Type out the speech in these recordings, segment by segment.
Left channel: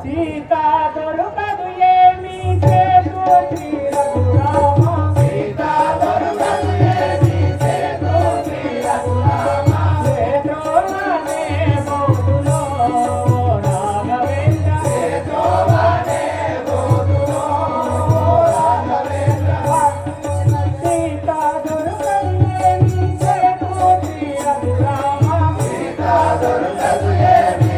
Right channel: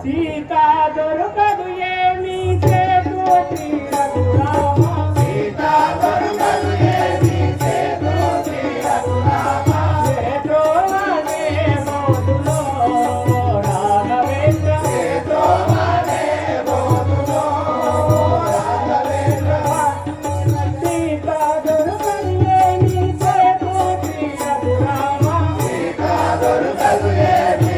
సీతా దొరకదు ఏమి చేతు తీరదురామ సీతా దొరకదు ఏమి చేతు తీరదురామ చేతోనే బోధులో రాఘవేంద్ర చేతోనే బోధులో రాఘవేంద్ర సీతా దొరకదు ఏమి చేతు తీరదురామ సీతా దొరకదు ఏమి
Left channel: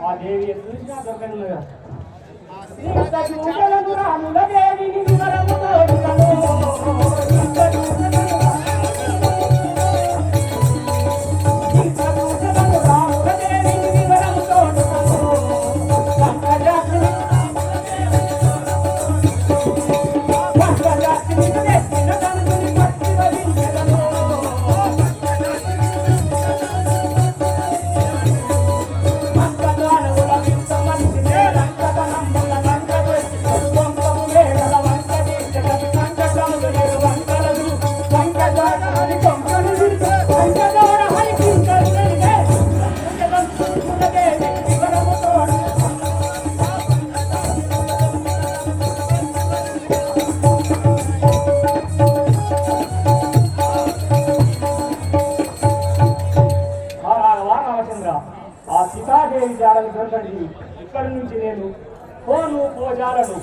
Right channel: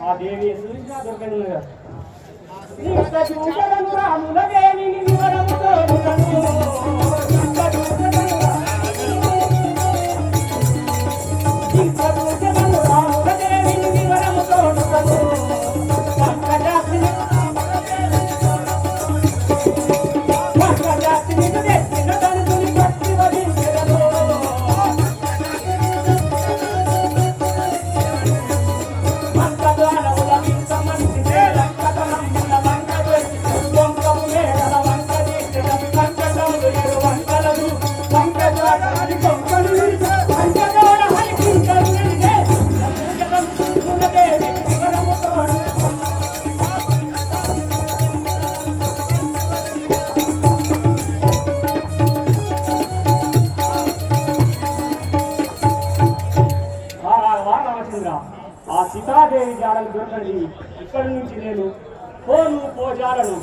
ఆ దేవి చూసినా దొరకను రాముల దేవిని వివరము తోడులను ఆ సీతాదేవి జాడలు దొరకండి. ఇక్కడి నుంచి నేను పోను పోజాలను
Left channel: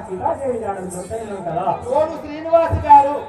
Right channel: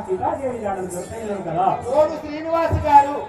సీతాదేవి జాడలు దొరకలేదు కదా. శ్రీనివాస్ గారు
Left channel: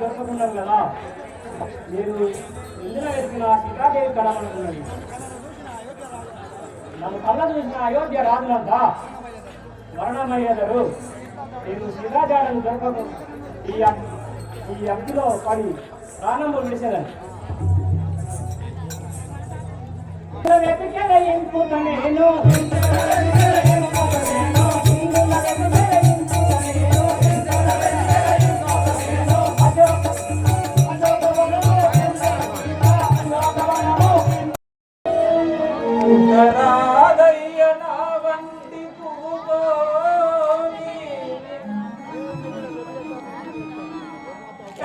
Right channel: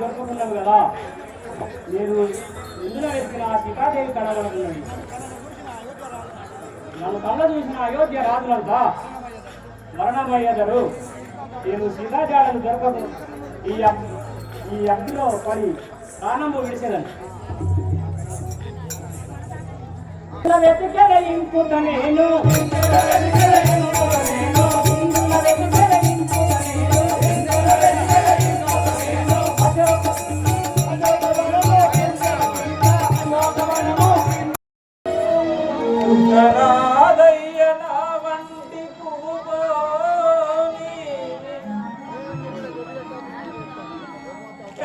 దొరుకుతున్నాం కదా. నేను ఇందులో వెతికిన సీతాదేవి కళవనుకున్నది. నన్ను కళ్ళ చూసిన అయోధ్య రాజులంతా మరణమయ్యేదారు. నేను సీతాజాడను దొరకదు ఈ అగ్నిలో పడి ప్రాణంలో విడిచేదని వెతికెలయింపుత నేను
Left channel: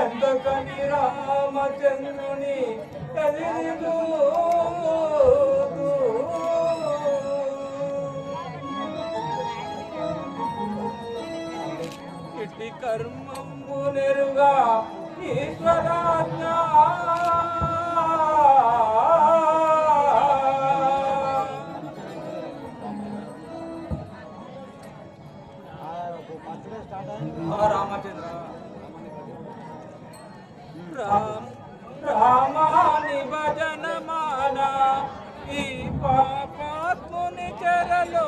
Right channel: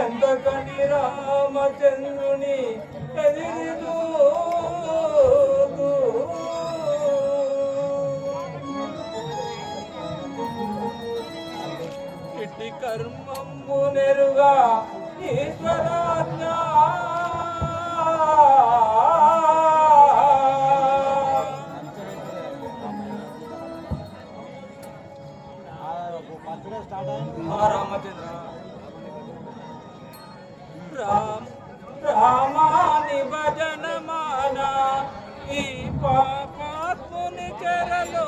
ఎంతకని రామచంద్రుని ఎదిరిదు ఇట్టి కర్మము నెరుగా ఈశ్వరాజ్ఞ రామచంద్ర రామాని భజన మానా ఈ పాపాత్ముని చెరలో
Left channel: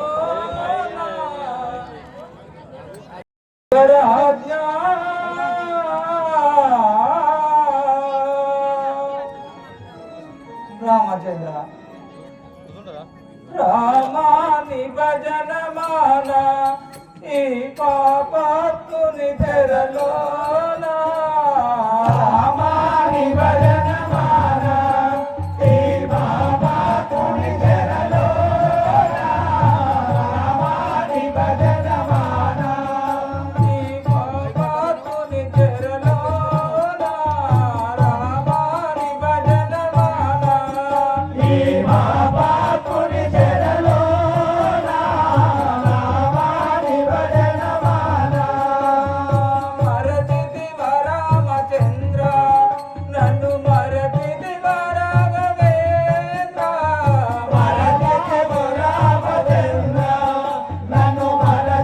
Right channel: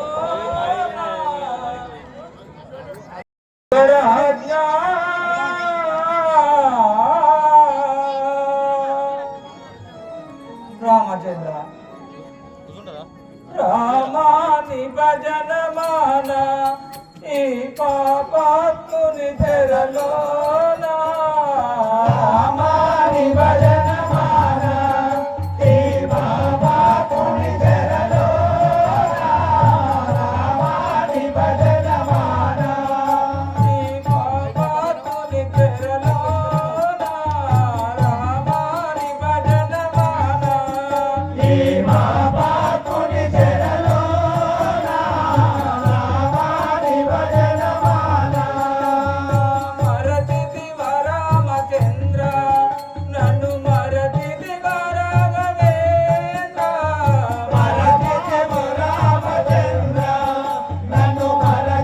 రామచంద్ర రామాని భజన మానా ఈ పాపాత్ముని చెరలో రామాని భజన మానా ఈ పాపాత్ముని చెరలో రామాని భజన మానా ఈ పాపాత్ముని చెరలో రామాని భజన మానా ఈ పాపాత్ముని చెరలో రామాని భజన మానా మరచితి రామచంద్ర నన్ను మరచితి రాఘవేంద్ర మరచితి రామచంద్ర నన్ను మరచితి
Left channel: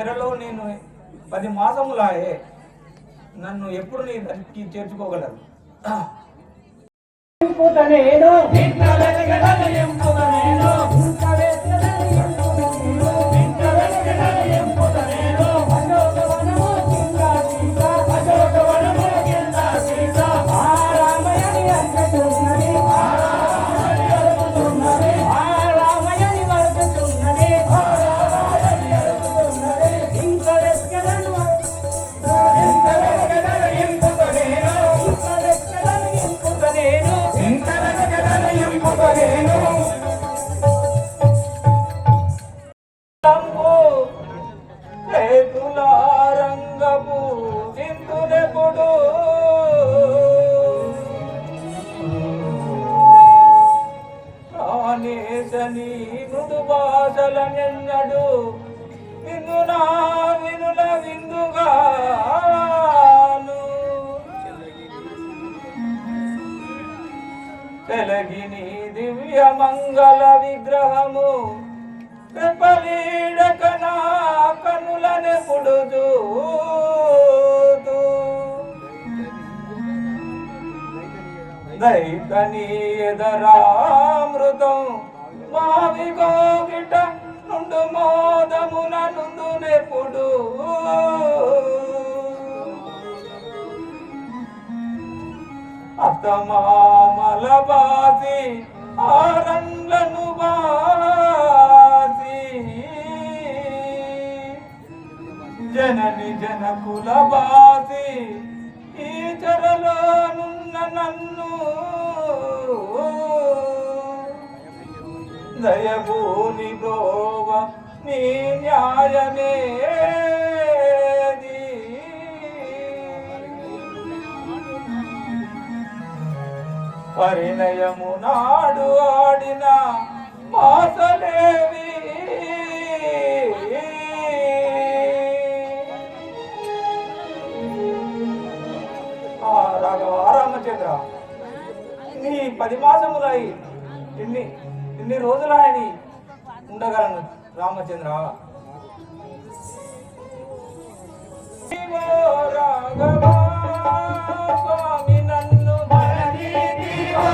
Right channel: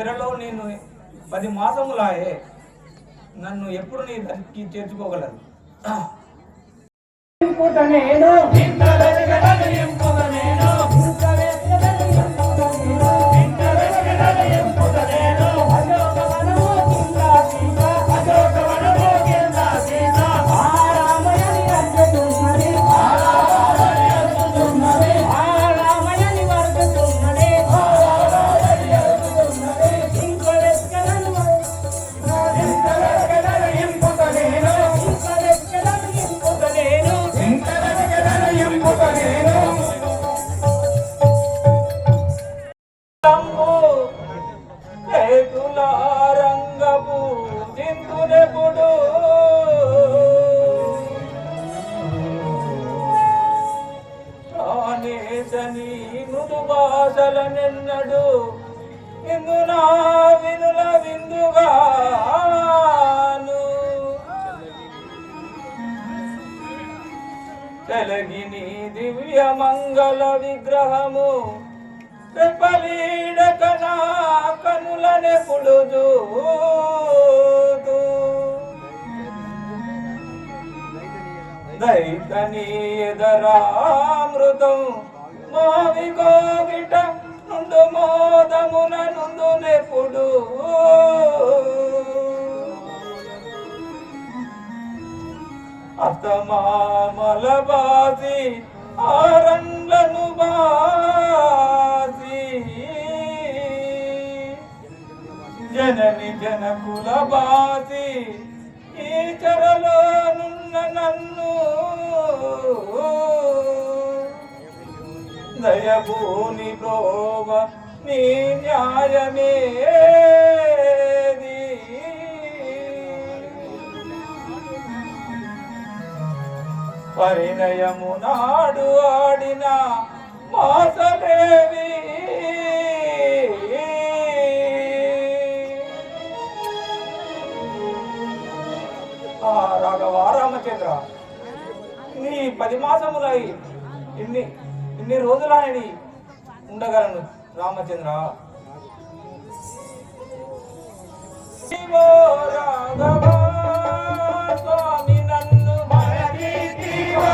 చెరలో నేను 10 మాసములాయే. నన్ను ఎప్పుడు నీ దగ్గరికి చేర్చుకోగలరు? నేను మృదు భాషలనెన్నడు విను నా వినుల విందుగాను తెలగిని దివ్య మంగళ విగ్రహము రెపలీడక నా కనులనెప్పుడు చూతూ దైతని ఎదరామృతం మావి గోగిట నుండు మోదమున నుండునెప్పుడు అత్తమామల బాసి ఆరండ్లను బాసి జనని జనకుల బాసి ఈ చెరలో నున్న నన్ను దయభూని ప్రోవ నీ న్యాయమేది పరిణయము నాడు ఆడిన మాసలేవి రామచంద్ర నీ 10 మాసములై ఇన్ని రోజులని ఉండగలను రామచంద్ర. రాఘవా స్వామి నన్ను మరచితివో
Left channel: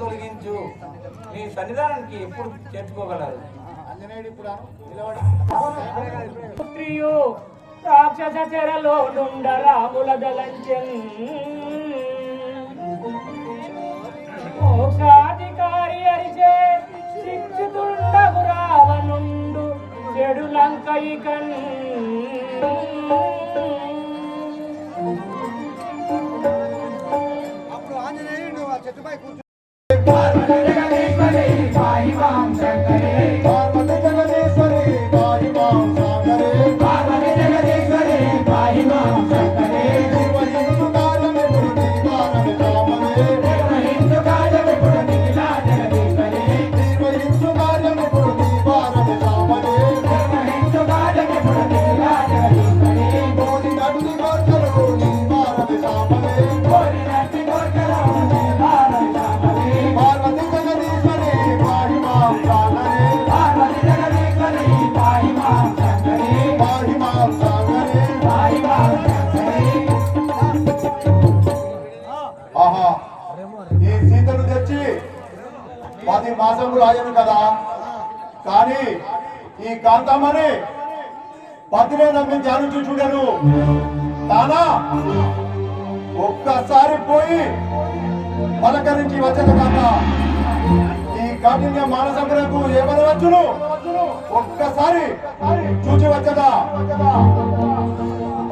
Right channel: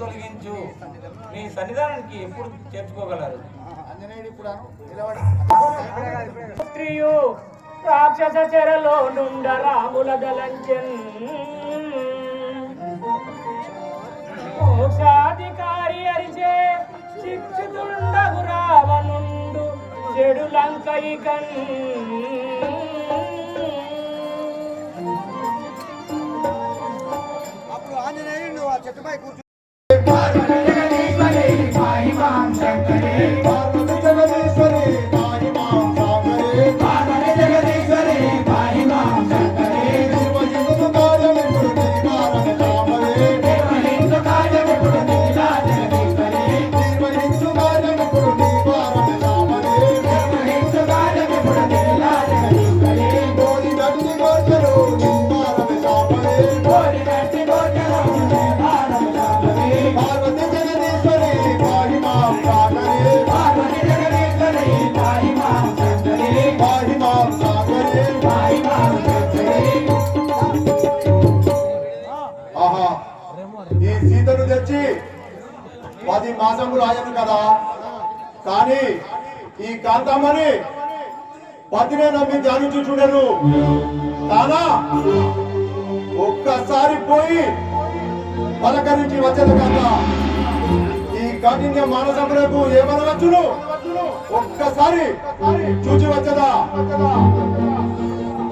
తొలగించు. నీ సన్నిధానానికి ఎప్పుడు చేర్చుకోగలరు? స్త్రీయు రాక్షస చెరలో నుండ రాముల దలంచెన్ మోక్షాధికారి అరిచే శిక్షితుండగు రావణుండు చెడు లంకయికన్ అప్పుడు ఆంజనేయుడు ఆ చెట్టుపై కూర్చో ఈ సీతను తెచ్చి 10 మాసములు ఆయను కదా, కానీ ఈ కాంతమ్మని 10 నమ్మి ధ్యానించి చూడను కానా ఒక్కసారి పోయి పలకరించి వచ్చేది కాక ఈ కాఠిన్య మానసములకు ఏమనవచ్చును, ఒక్కసారి చూచి వచ్చదా.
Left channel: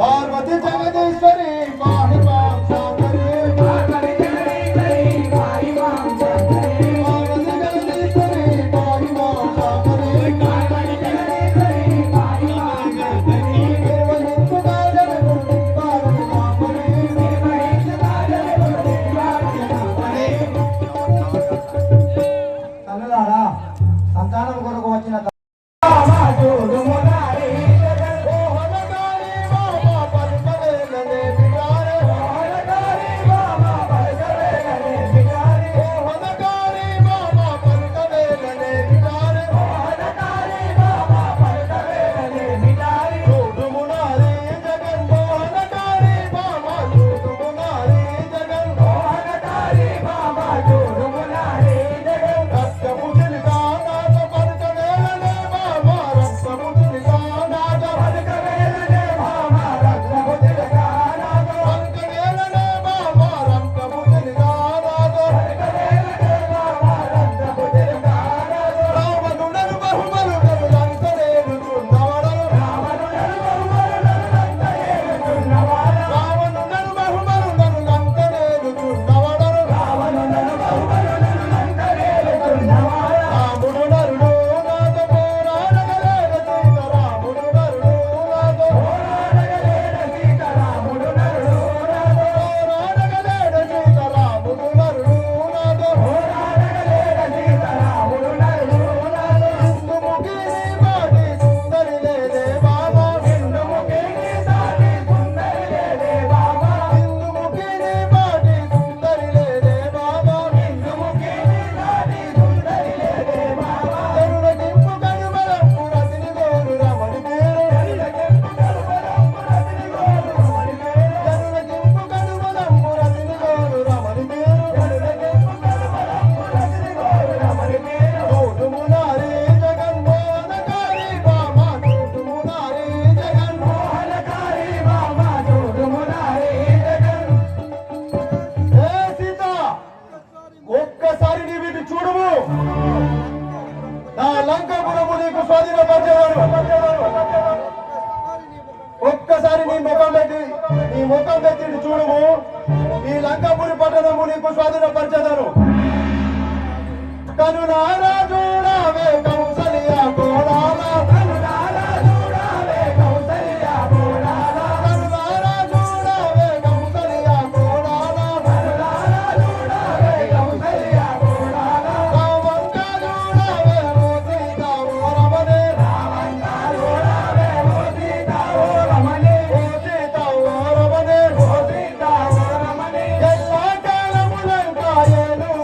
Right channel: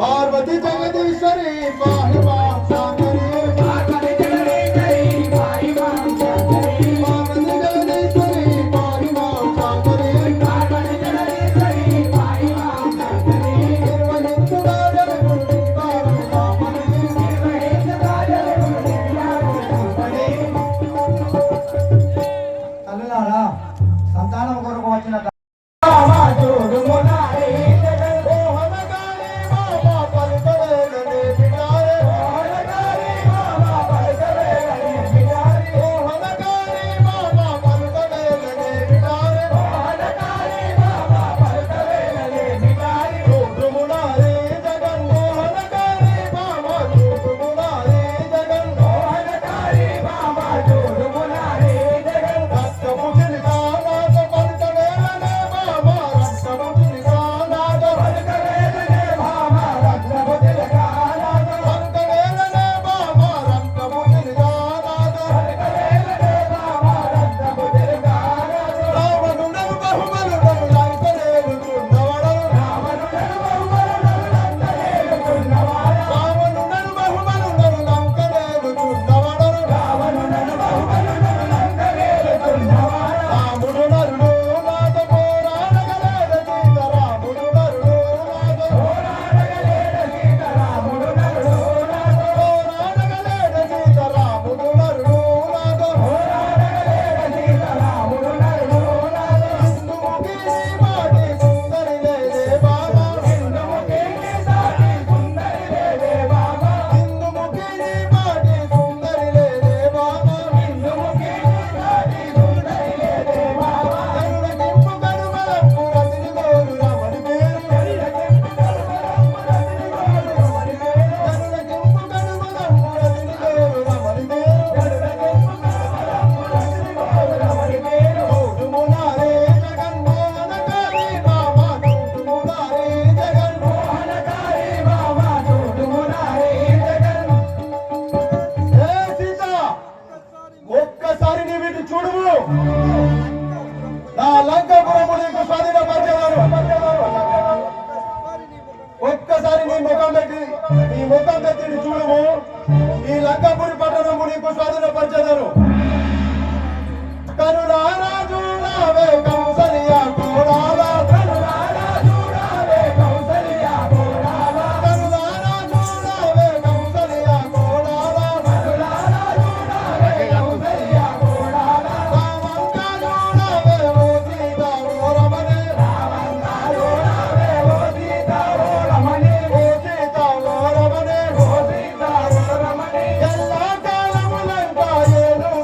పార్వతి జగదీశ్వరి పాహి మాం సాగరి సంతానం కొరకు వచ్చిన ఒక్కసారి నీ ముఖం పెట్టి చూడము, ఈ లంకాపురి పట్టణము నీకు స్వాధీనపరచదను. కనులారా చూడవే కౌసల్య కోడాల, కనులారా చూడవే కౌసల్య కోడాల, కనులారా చూడవే కౌసల్య కోడాల, కనులారా చూడవే కౌసల్య కోడాల. రామంగా చూడవే ఓ సీత ఓ రమణే, రామంగా చూడవే ఓ సీత ఓ రమణే, ఓ సీత ఓ రమణే, ఓ సీత ఓ రమణే. ఎల్ల కాలములంతా ఏలు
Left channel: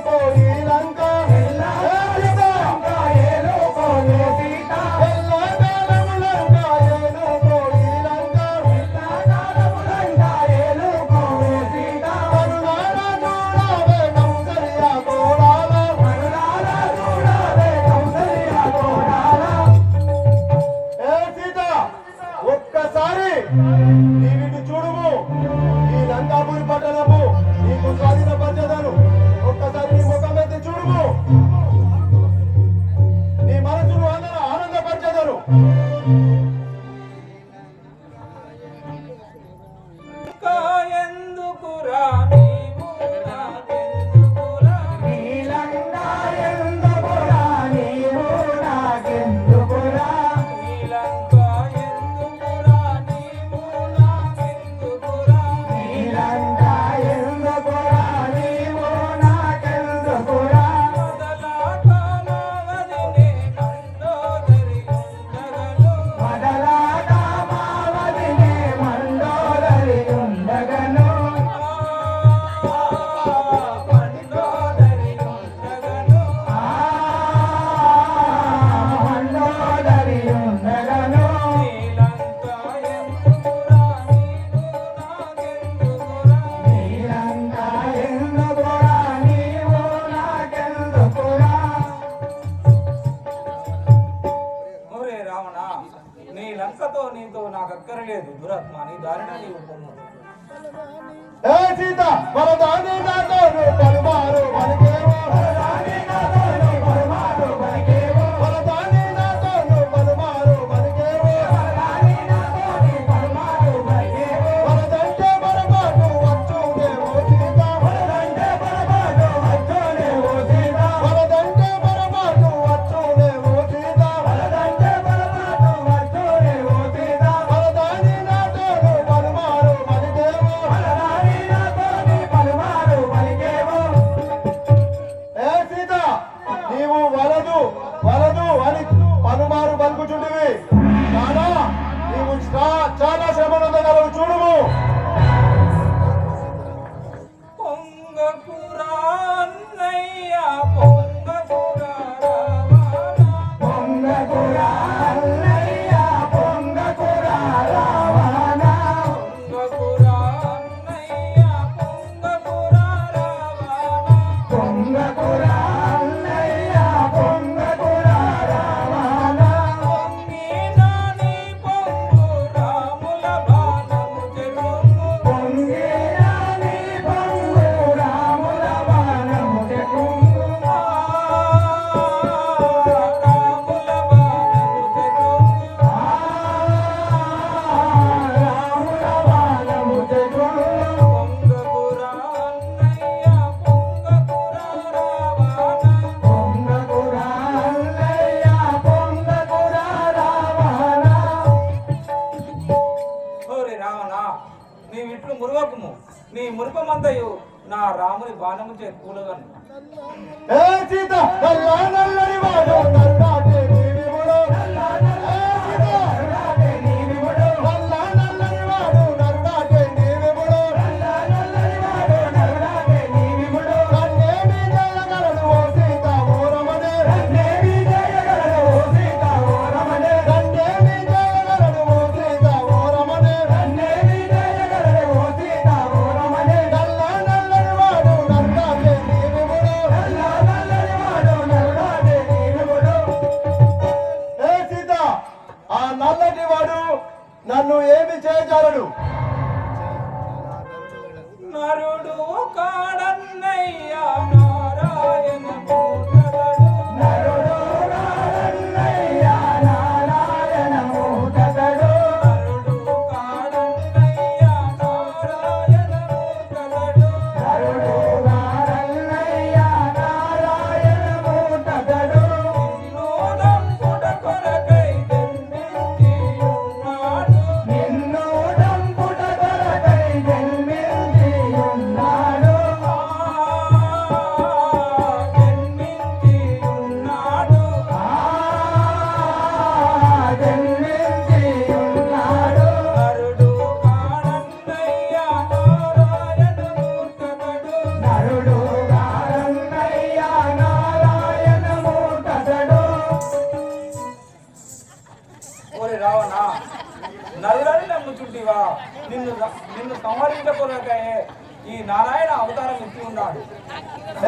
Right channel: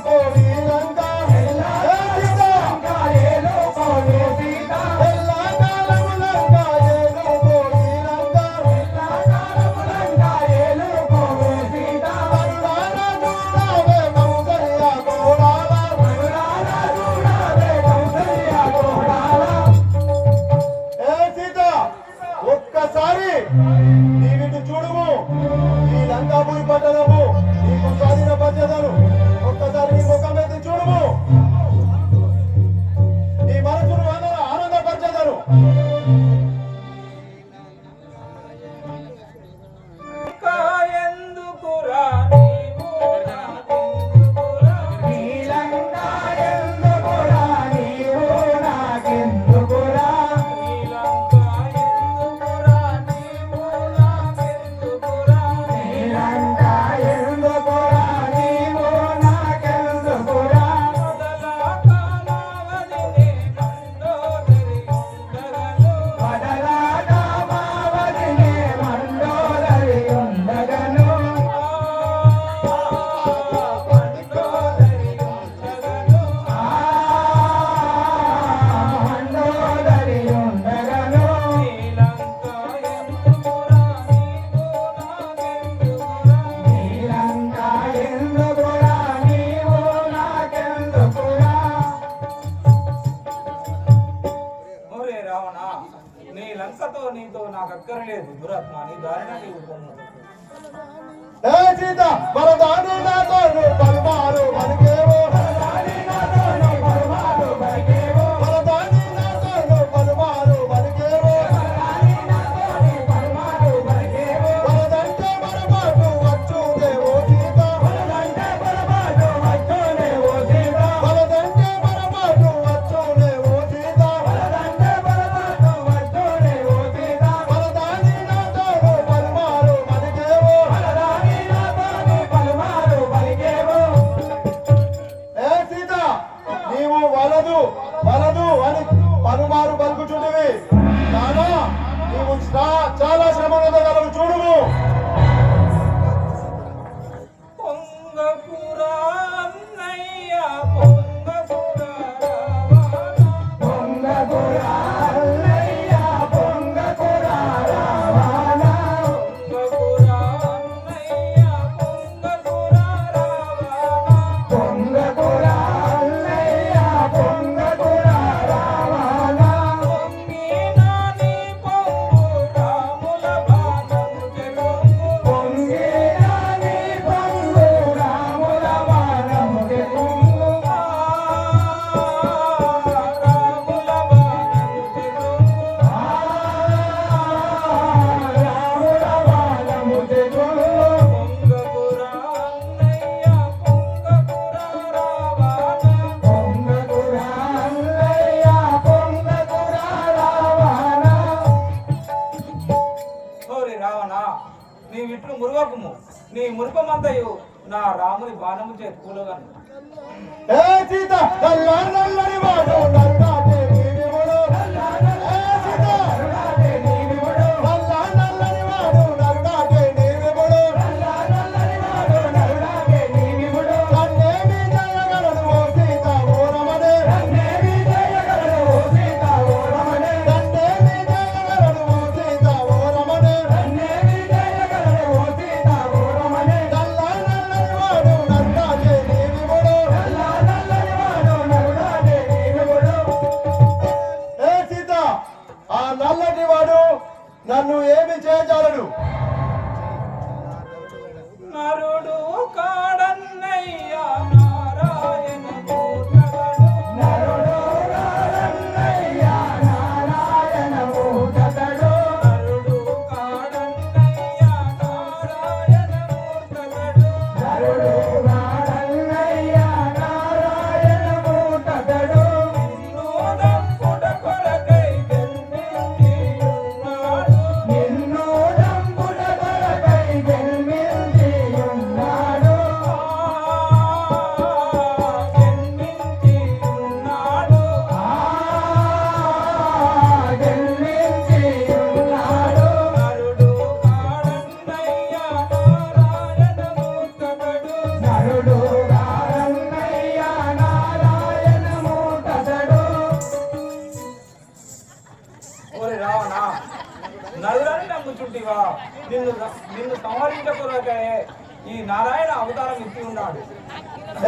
నాకు అక్కరలేదు దురాత్మ నీ దారిన నీవు పొమ్ము. ఏ సీత వరదాని నాతోను పలుమారు మనకేమో వరదాని నాతోను పలుమారు మనకేమో వరదాని నాతోను పలుమారు మనకేమో వరదాని నాతోను పలుమారు మనకేమో వరదంటే పొరపాటు వచ్చుదేవో సీత వరదంటే పొరపాటు వచ్చుదేవో సీత వరదంటే పొరపాటు వచ్చుదేవో సీత వరదంటే పొరపాటు వచ్చుదేవో సీత వరదాని నాతోను పలుమారు మనకేమో వరదాని నాతోను పలుమారు మనకేమో. ఏ సీత నీవు వలదు వలదు అని పలుమారు పలుకుచుంటివి కానా నీవు చాలా శ్రమనందగలవు చూడుము. పొంగకురా అన్నయ్య పొంగకురా రావణ పొంగకురా అన్నయ్య పొంగకురా రావణ పొంగకురా అన్నయ్య పొంగకురా రావణ పొంగకురా అన్నయ్య పొంగకురా రావణ పొంగినా నీ పొంగు రాముల బాణము చెరువు పొంగేరా నీ పొంగు రాముల బాణము చెకుంగు రాముల బాణము చెరువు రాముల బాణము చెకుంగు పొంగకురా అన్నయ్య పొంగకురా రావణ పొంగకురా అన్నయ్య పొంగకురా రావణ. ఓరి రావణ నీవిట్లు మురుగకుము నీ మురుపమంతయు నా రాముని బాణము చే కూలగను. ఏ సీత నల్లా నల్లని వాడు నల్లాటే నీవిముడు ఏ సీత నల్లాటే నీవిముడు నల్లా నల్లని వాడు నల్లాటే నీవిముడు నల్లా నల్లని వాడు నల్లాటే నీవిముడు నన్నేమి దయగలను ఓ సీత ఓరమనే నన్నేమి దయగలను ఓ సీత ఓరమనే నన్నేమి దయగలను ఓ సీత ఓరమనే నన్నేమి దయగలను ఓ సీత ఓరమనే నల్లా నల్లని వాడు నల్లాటే నీవిముడు నల్లా నల్లని వాడు నల్లాటే నీవిముడు. ఏ సీత ఆ నల్లటి వాడు నన్ను ఏమి చేయగలడు? నరుడు కాడన్నయ్య నారాయణ మూర్తగడు నరుడు రారన్నయ్య నారాయణ మూర్తగడు నరుడు కాడన్నయ్య నారాయణ మూర్తగడు నరుడు రారన్నయ్య నారాయణ మూర్తగడు నోదంపుట కొరకై జన్మించి ఉన్నాడు నిన్ను దంపుట కొరకై జన్మించి ఉన్నాడు జన్మించి ఉన్నాడు జన్మించి ఉన్నాడు నరుడు కాడన్నయ్య నారాయణ మూర్తగడు నరుడు రారన్నయ్య నారాయణ మూర్తగడు. ఓరి రావణ నరుడని నమ్ముచుంటివా నిన్ను సంహరించకొనకై ఈ నారాయణ అవతారం ఇచ్చి ఉన్నాడు.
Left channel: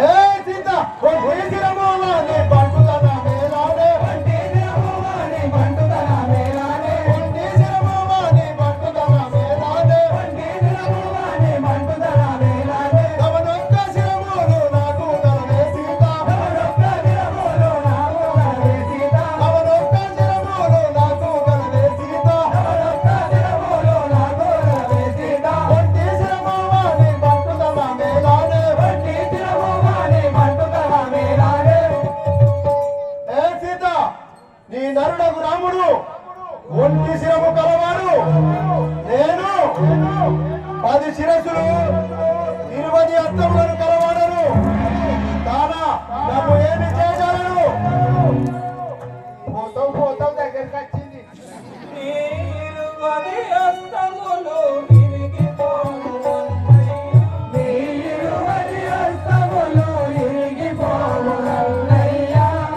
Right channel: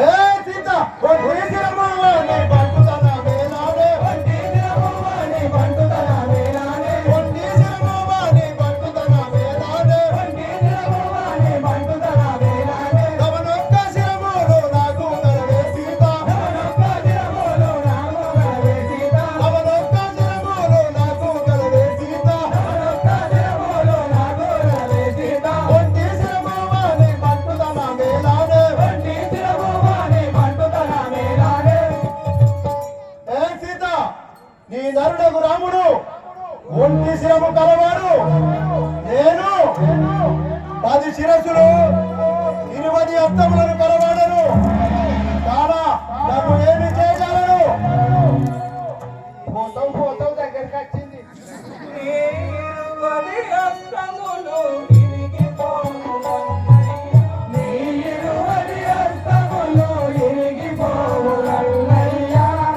ఏ సీత ఒంటిసిరమోవాని బంటుదన మేలానే ఒంటిసిరమోవాని బంటుదన మేలానే ఒంటిసిరమోవాని బంటుదన మేలానే ఒంటిసిరమోవాని బంటుదన మేలానే తమనొక్క శిరమోలు నాకు కలవే సీత తమనొక్క శిరమోలు నాకు కలవే సీత తమనొక్క శిరమోలు నాకు కలవే సీత తమనొక్క శిరమోలు నాకు కలవే సీత ఒంటిసిరమోవాని బంటుదన మేలానే ఒంటిసిరమోవాని బంటుదన మేలానే. ఏ సీత నీ నరుడకు రాముడు ఒంటి శిరము కలవాడు నేను 10 శిరస్సులు 20 హస్తములను కలవాడను కానా నన్ను ఏమి చేయగలరు? పోతాం దగ్గరికి వచ్చింది. నీరువది హస్తములు విరిగిపోను అన్నయ్య. నీ 20 హస్తములు ఇరిగిపోవు నల్లయ్య.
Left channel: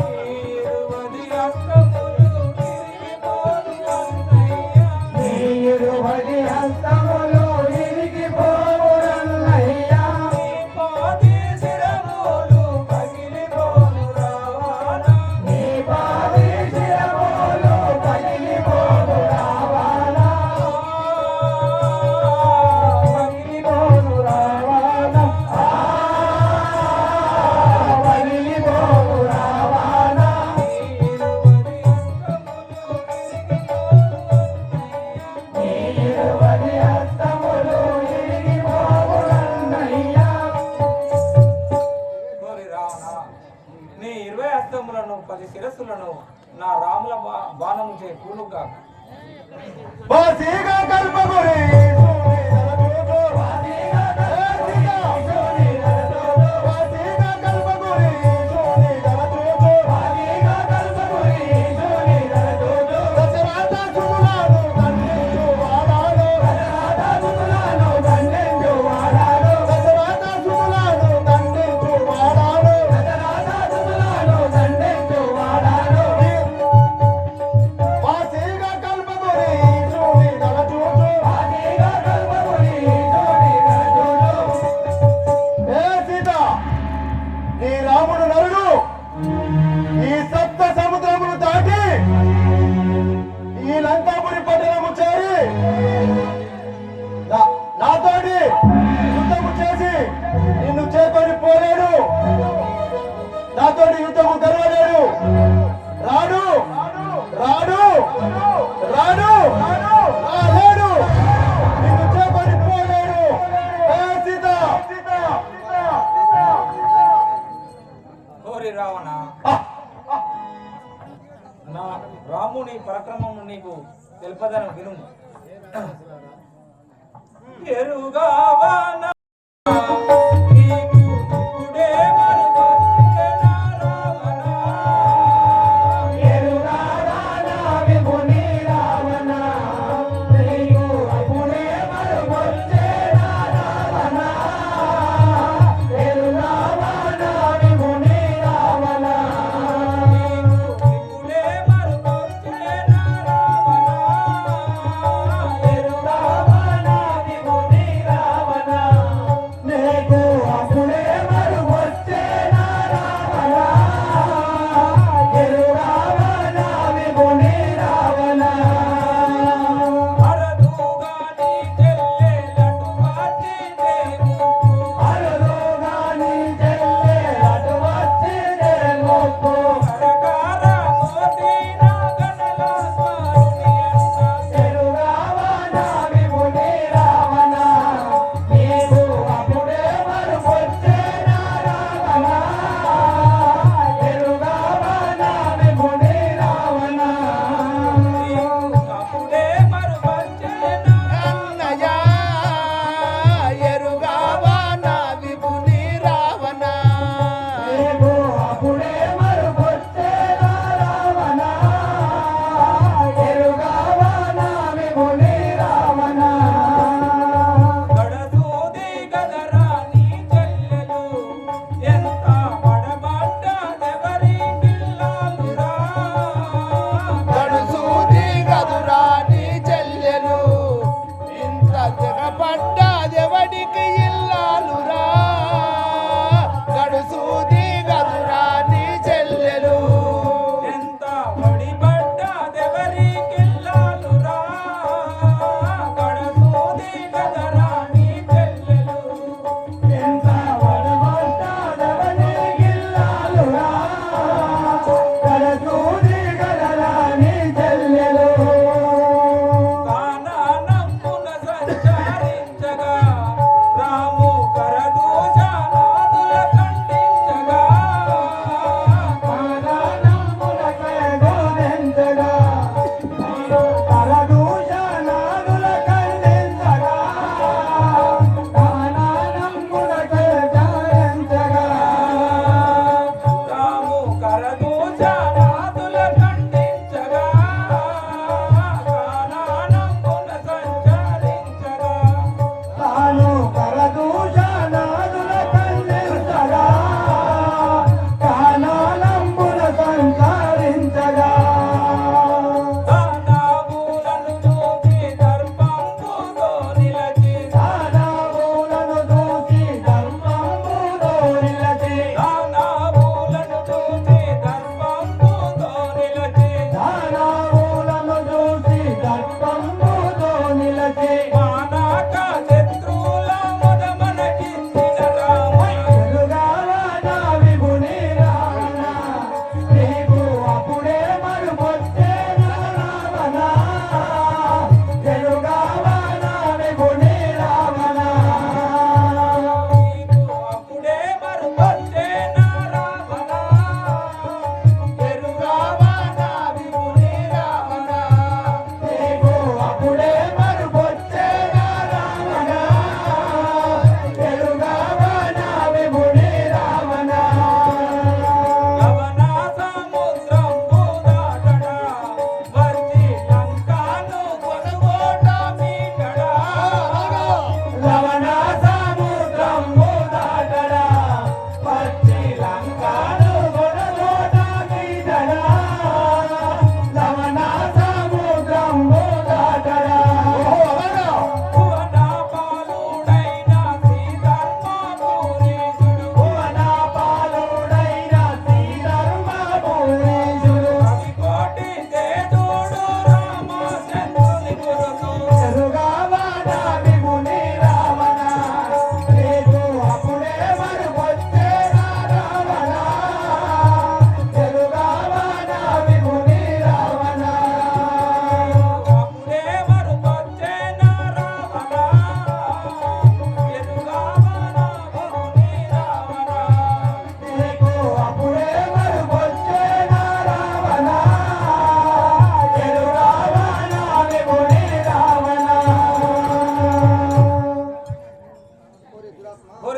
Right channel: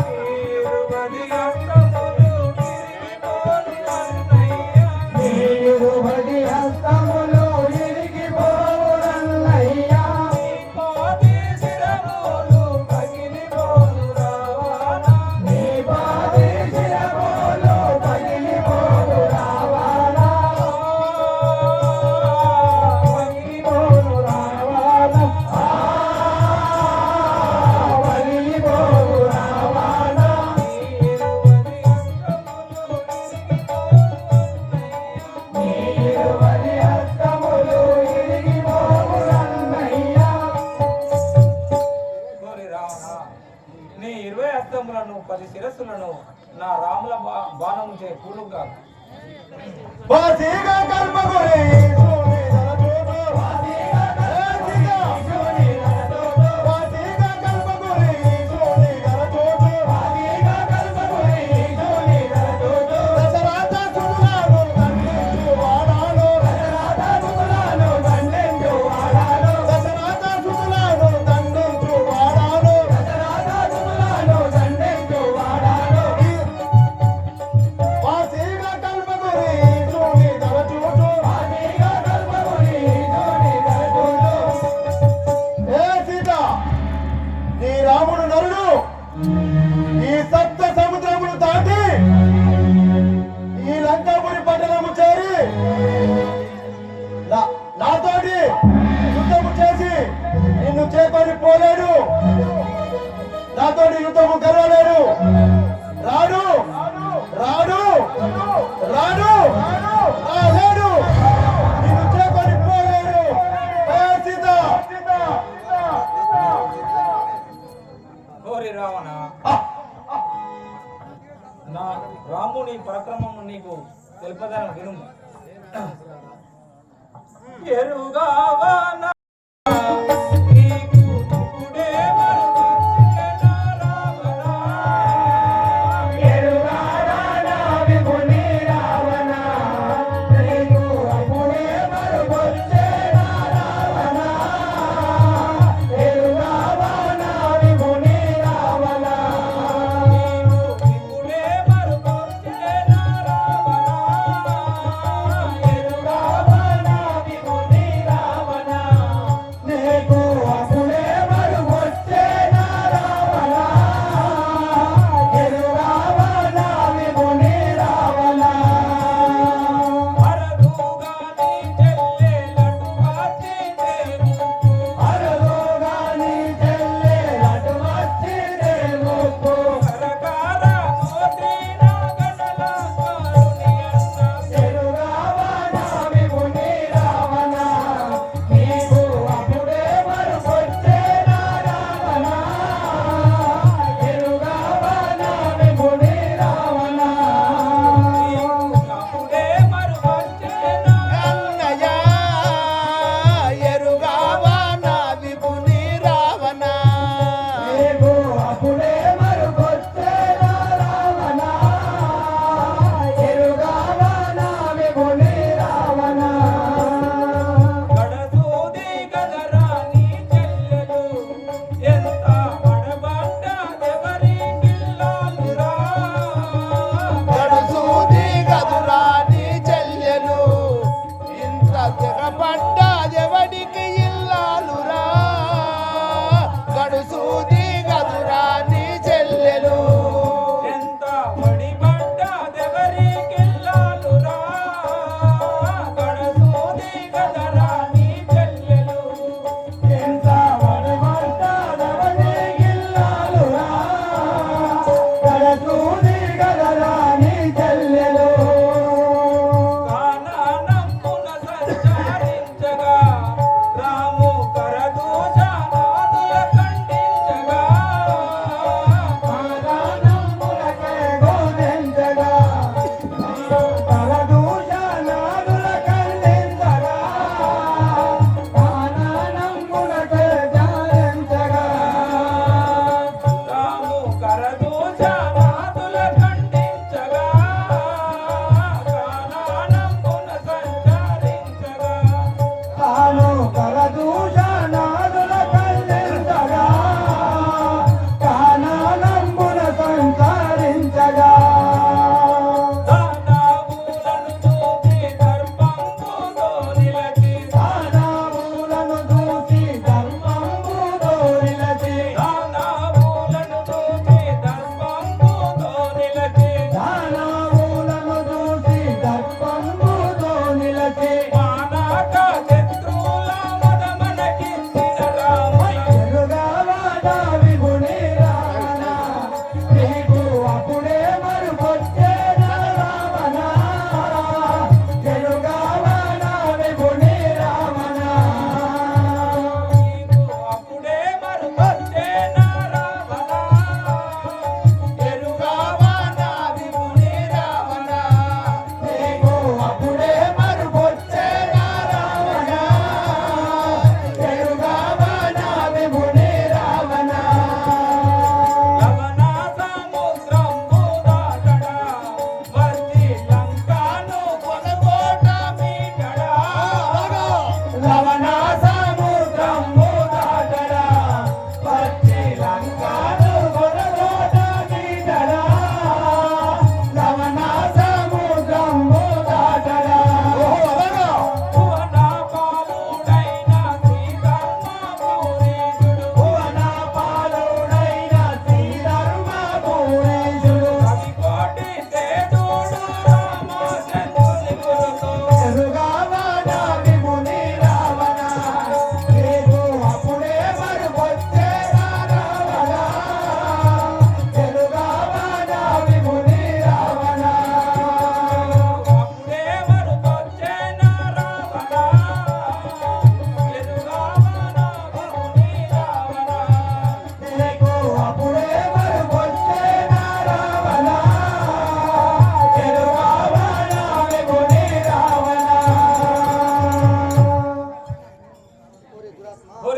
నీరువది హస్తములు విరిగిపోను అన్నయ్య. నీ 20 హస్తములు ఇరిగిపోవు నల్లయ్య. నీ పాద తలలను 10 శిరస్సులను నా రాముల బాణము చే కూలుగా బాసిగా కల్పగురి నీ రాముడు నరుడు ఈ సప్త సముద్రమును దాటి ఈ లంకాపురి పట్టణము చేరి నాతోటి యుద్ధము చేసి నిన్ను చేపని పోలేడు, నాతోటి యుద్ధము గెలవలేడు. రాడు రాడు రాడు రాలేడు, నిన్ను చేపని పోలేడు. సీత ఓరి రావణ, నా రాముని పరక్రమము నీకు తెలుపదను వినుము. ఎరుగావనా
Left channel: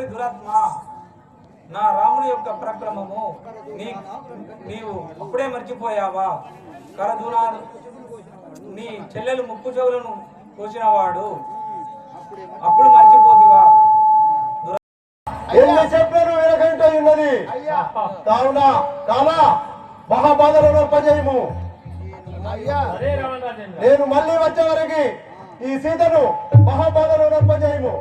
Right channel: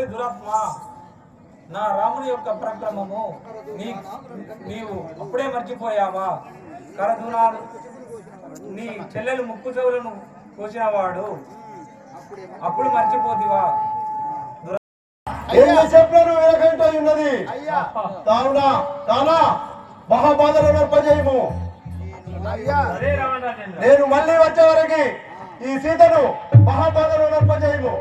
ఓరి దురాత్మ, నా రాముని యొక్క పరాక్రమము నీవు అప్పుడే మర్చిపోయావా? కరదునాలు నీ చెల్లెలు ముక్కు చెవులను కోసినవాడు అప్పుడు మర్చిపోతివా? ఎన్ని చెప్పాను వెనకంటే ఉన్నది కావున చాలా మహాబాధలు నొప్పజేయము. నేను మళ్ళీ వచ్చే వరకు ఈ సీతను మహాబాధలు నొప్పజేయము.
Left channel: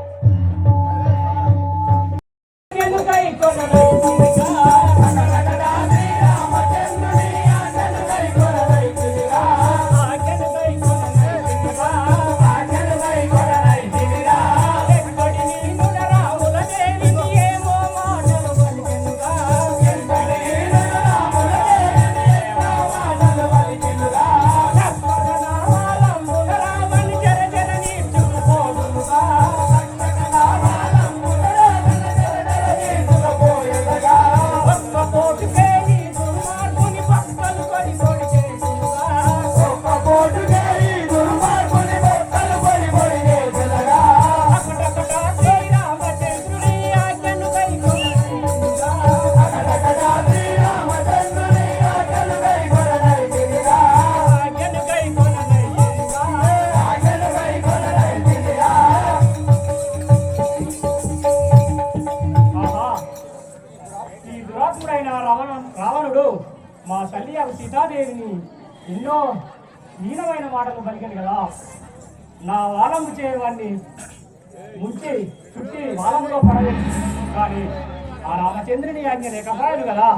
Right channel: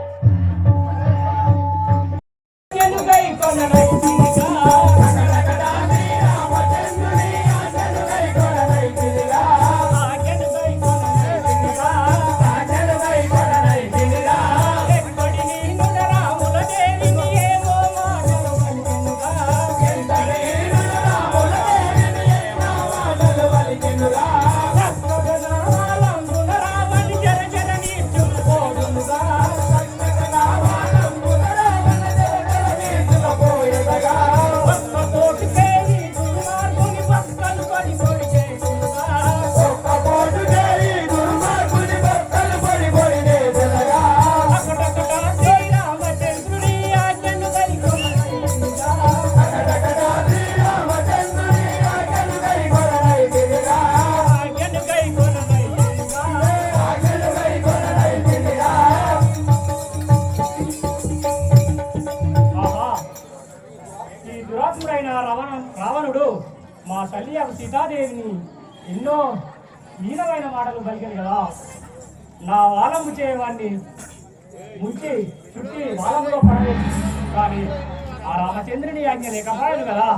రావణుడు మా తల్లి సీతాదేవిని ఎన్నో హీనమైన మాటలు పలికింది కదా. నా వాలంబు చేయవాన్ని ముంచి చుట్టి వాలంబులో పడలేదు. కానీ ఆ రామచంద్రుని ఆజ్ఞ లేకపోయాను కదా.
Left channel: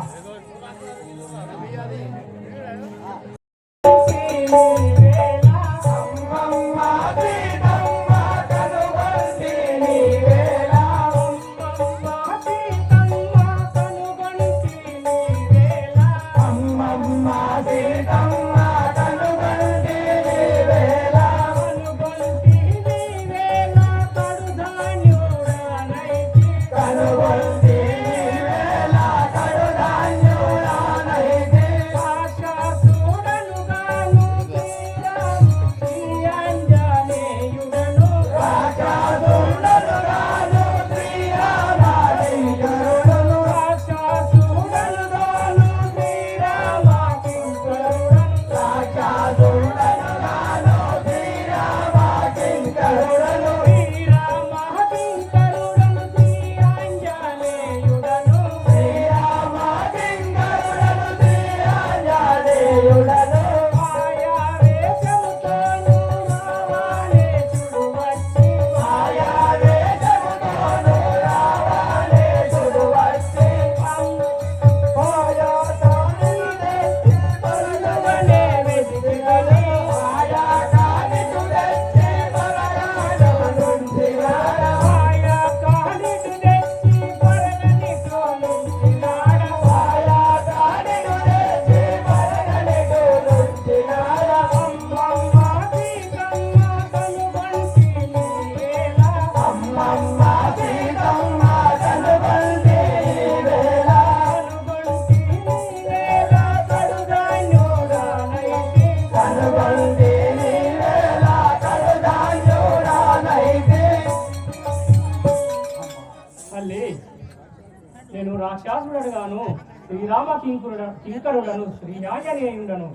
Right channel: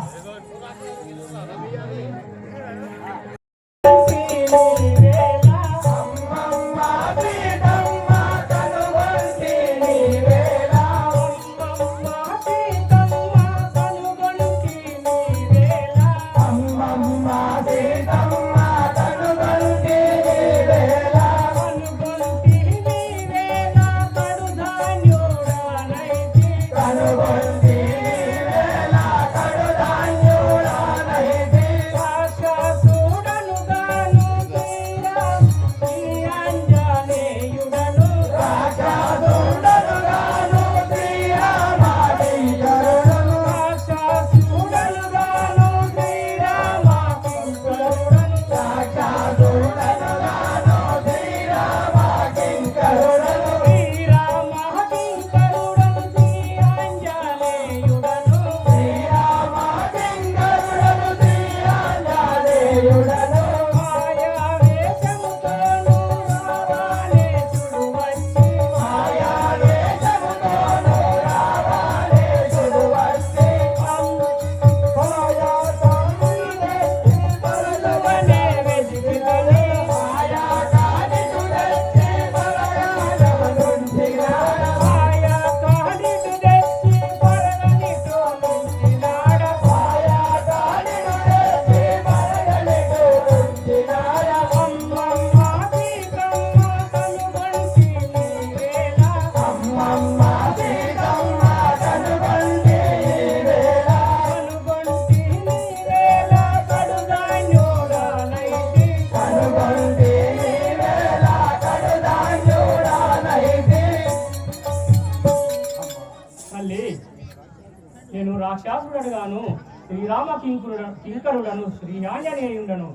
నేను రాక్షసుడను శ్రీరామ కింకరులను శ్రీ ఆంజనేయుడను.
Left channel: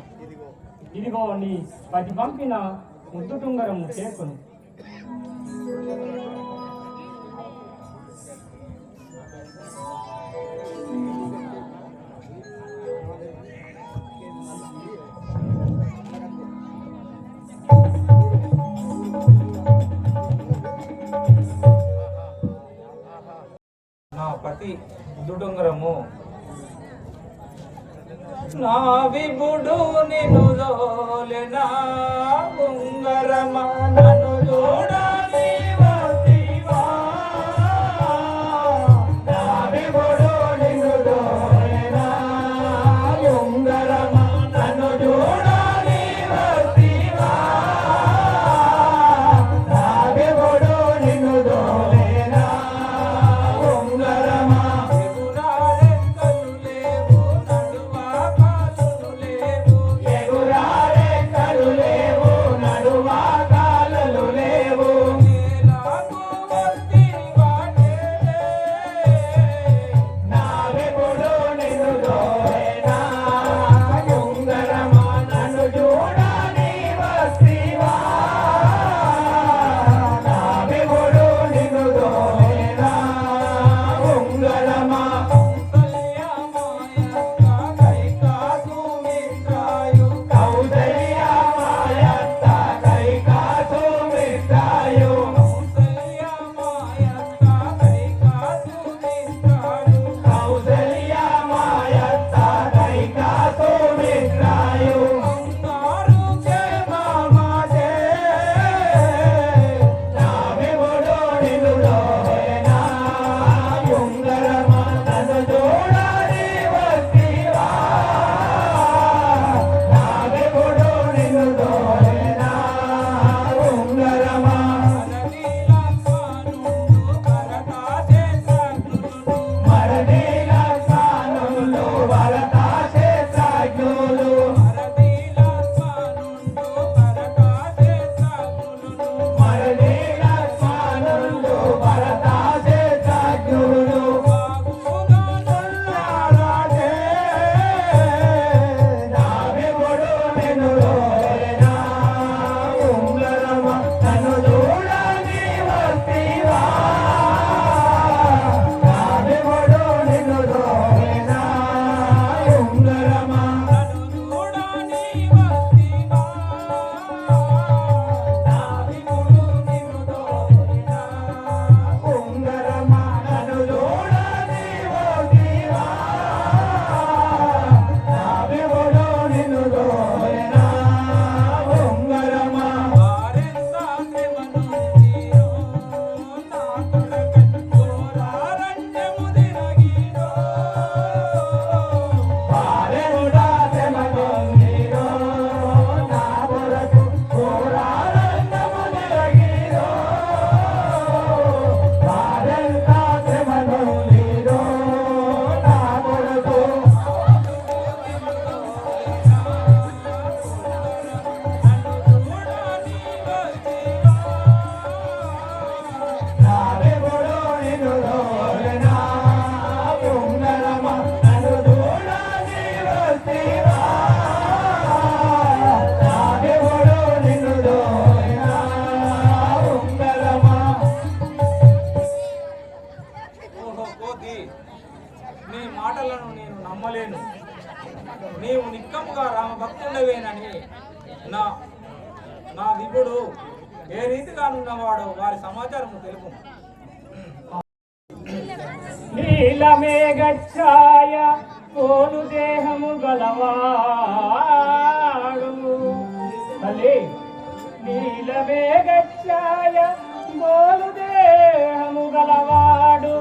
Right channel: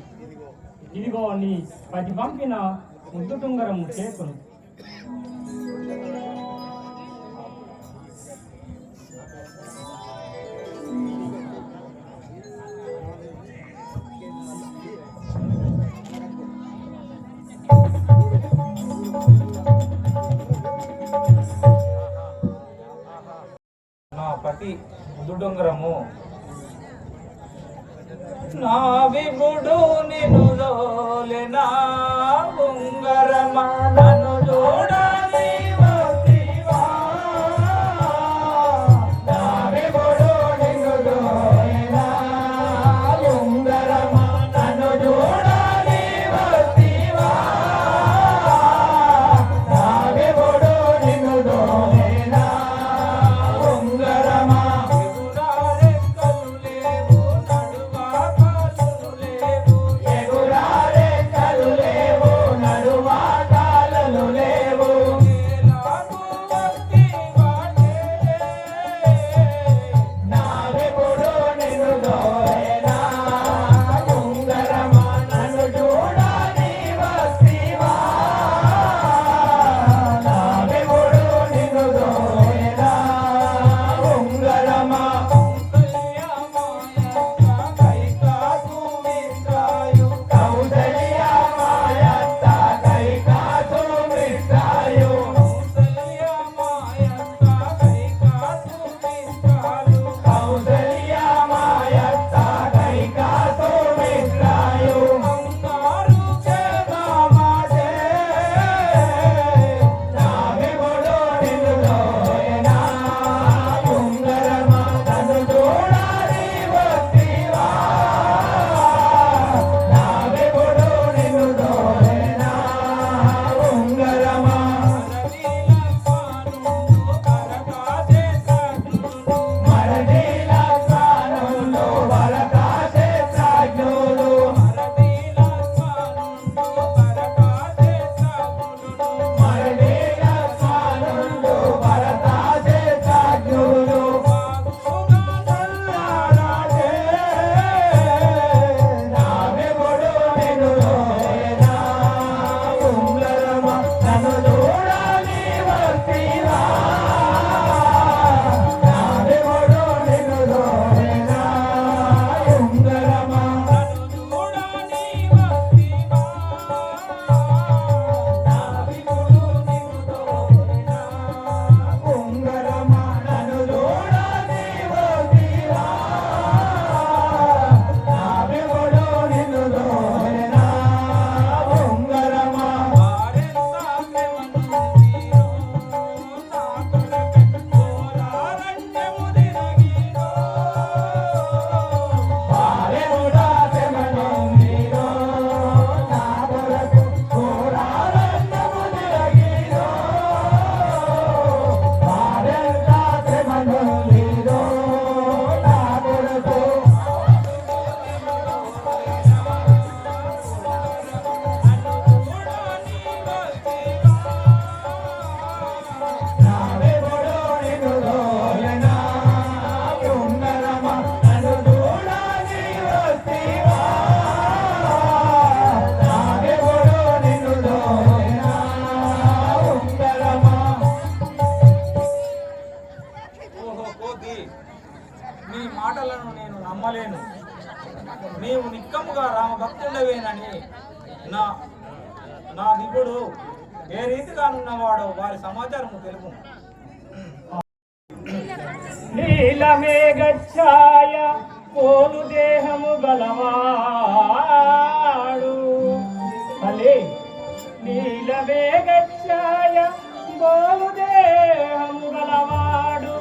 ఇదిగో నీ పది పంపిన ముద్దు టుంగరము చేకును. నా పతి దుడుంగరము నా విభుడు నిను లోలెనా ఉంగరమా నన్ను చూడని వతివా. నా విభుడు నిను లోలెనా ఉంగరమా నన్ను చూడని వతివా. నా విభుడు నిను లోలెనా ఉంగరమా ఎగురారెక్కలు లేవు నడువా కాలులు లేవు. ఎగురారెక్కలు లేవు నడువా కాలులు ఓహో కోతి, మీ మాటలను నేను నమ్మలేను. నీవు నిక్కముగా రామభక్తుడవేనని నా నా విపుడు ఏ రీతిగా ఉన్నవాడో వారి సమాచారము తెలుపు. నీలమేఘఛాయ పోలు దేహము గలవాడు తల్లి, నీలమేఘఛాయ పోలు దేహము గలవాడు,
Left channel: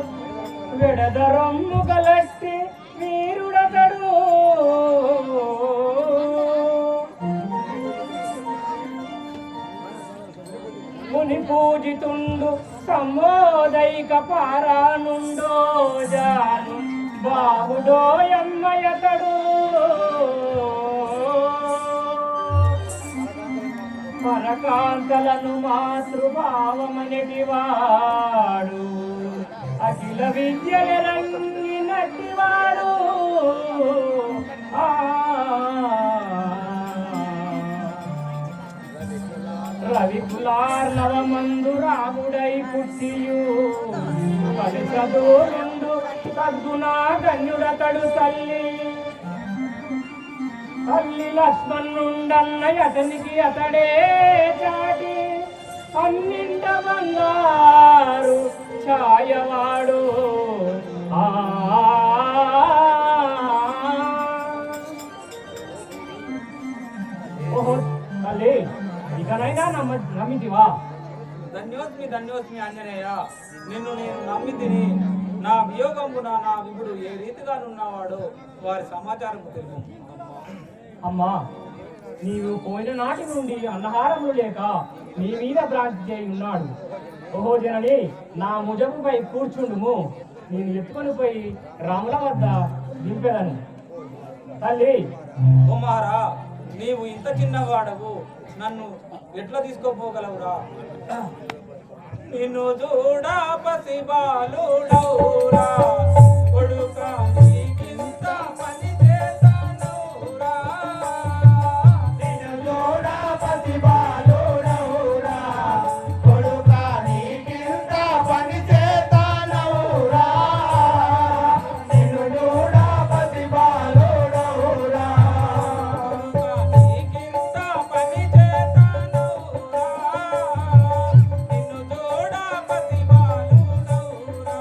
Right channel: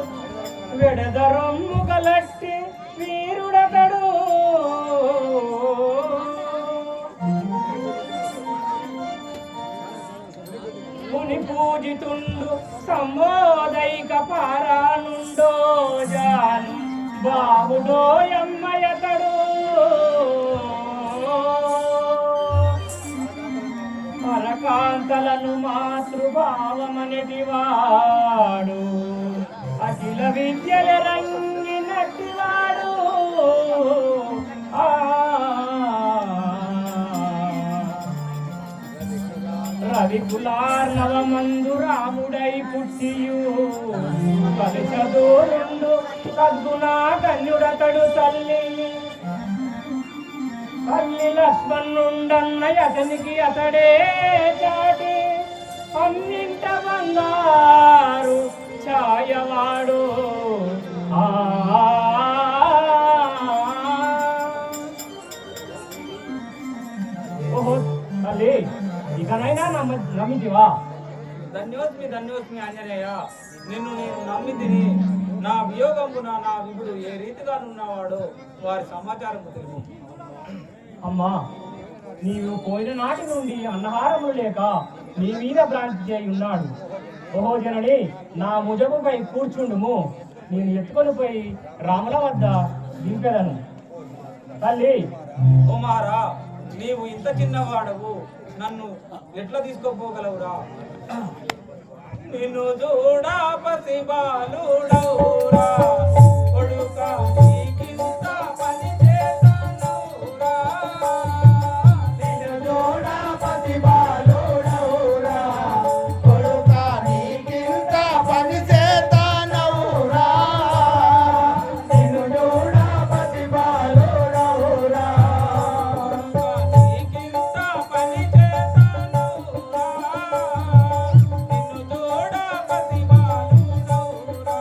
విడదరొమ్ము గలట్టి వీరుడతడు. ముని పూజితుండు సంబోధైక పారానుండో జాను బాహుడో యమ్మయతడు. పరకాంతలను మాతృభావమనటివాడు, అఖిల విద్యల రంగినట్టివాడు. రవికులార్ణవమందు రాముడై పుట్టియు కలుచదూరుండు సద్గుణా కన్యుడతడు. తల్లి లక్ష్మణుండన్న అతనికి అతడే చాటి, అన్నింట బంగారు ఛాయవాడు. ఓహో తల్లి, ఇకనైనా నమ్మితివా? ధన్యోస్మి ఆంజనేయ, నిన్ను నేను నమ్మితిని. నా వియోగమున నా విభుడు ఏ రీతిగా ఉన్నవాడో వారి సమాచారము తెలుపు. అమ్మా, నీవు పోయిన నాటి నుండి అన్నహారములు లేక నీ మీద భ్రాంతి చేయి ఉన్నాడు. ఓహో జనని, నా ముజముపై కూర్చుండుము, నేను ఎత్తుకొని పోయి రాముల వద్ద దింపెదను. తల్లి, ఓ మహారా, నీవు ఇంత చిన్నవాడవు, నన్ను ఎట్లా తీసుకోపోగలవురా? నిన్ను చూడా పసి బాలుడవురా, కొడుకా నీకింత పని చేస్తానవురా. నిన్ను చూడా పసి బాలుడవురా, కొడుకా నీకింత పని చేస్తానవురా. నిన్ను చూడా పసి బాలుడవురా, నీకింత పని చేస్తానవురా. నిన్ను చూడా పసి బాలుడవురా,